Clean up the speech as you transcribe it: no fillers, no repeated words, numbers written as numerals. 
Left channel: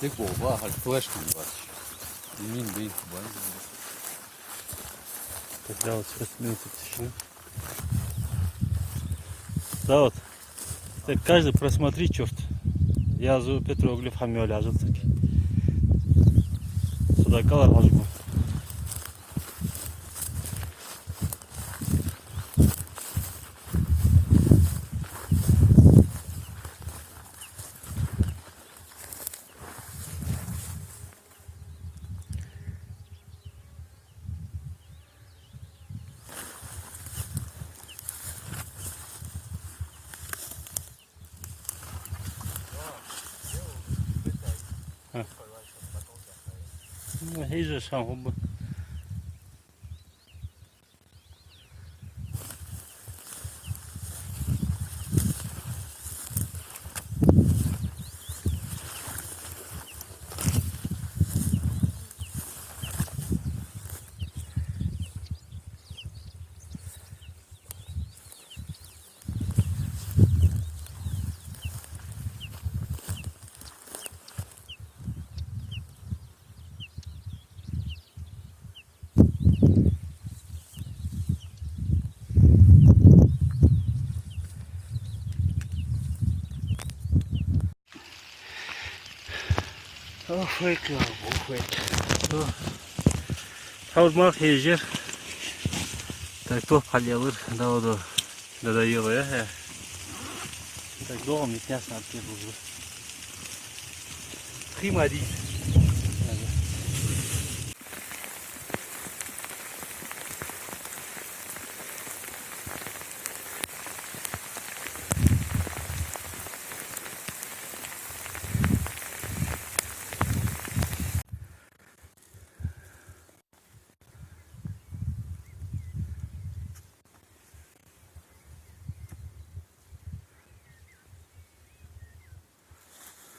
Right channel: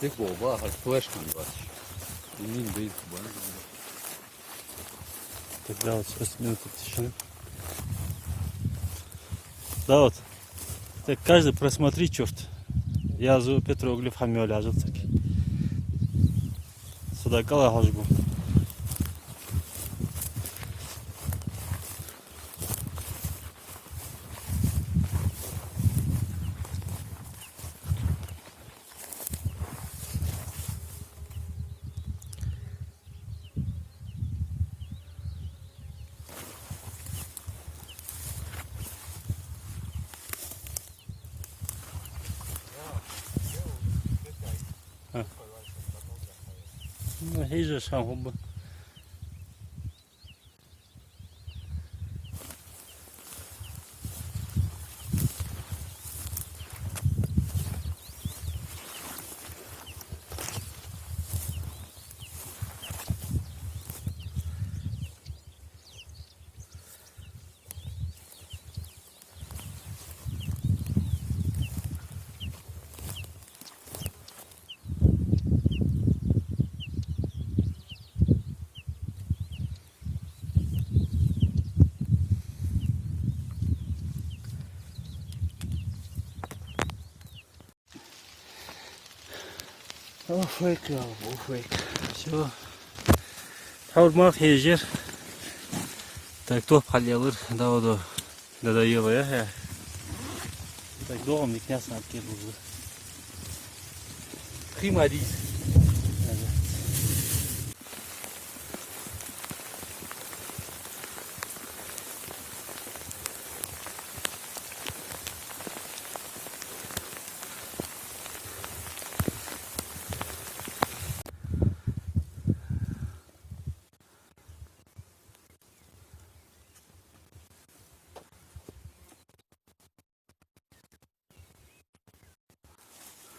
Tek oba, флешки var. Emin değil ben. Тогда вот сейчас минуту тишины. Да вот. Так каждый просмотри черт. Yazı petroglif hamle lazım. Suda kala hozmu. Hiç şahı bu. Охуйка, охуйка. Все. Havurma feyjer. Так то палявыр. Да вот. Да его я. Так долго мне княс на первую. Примари.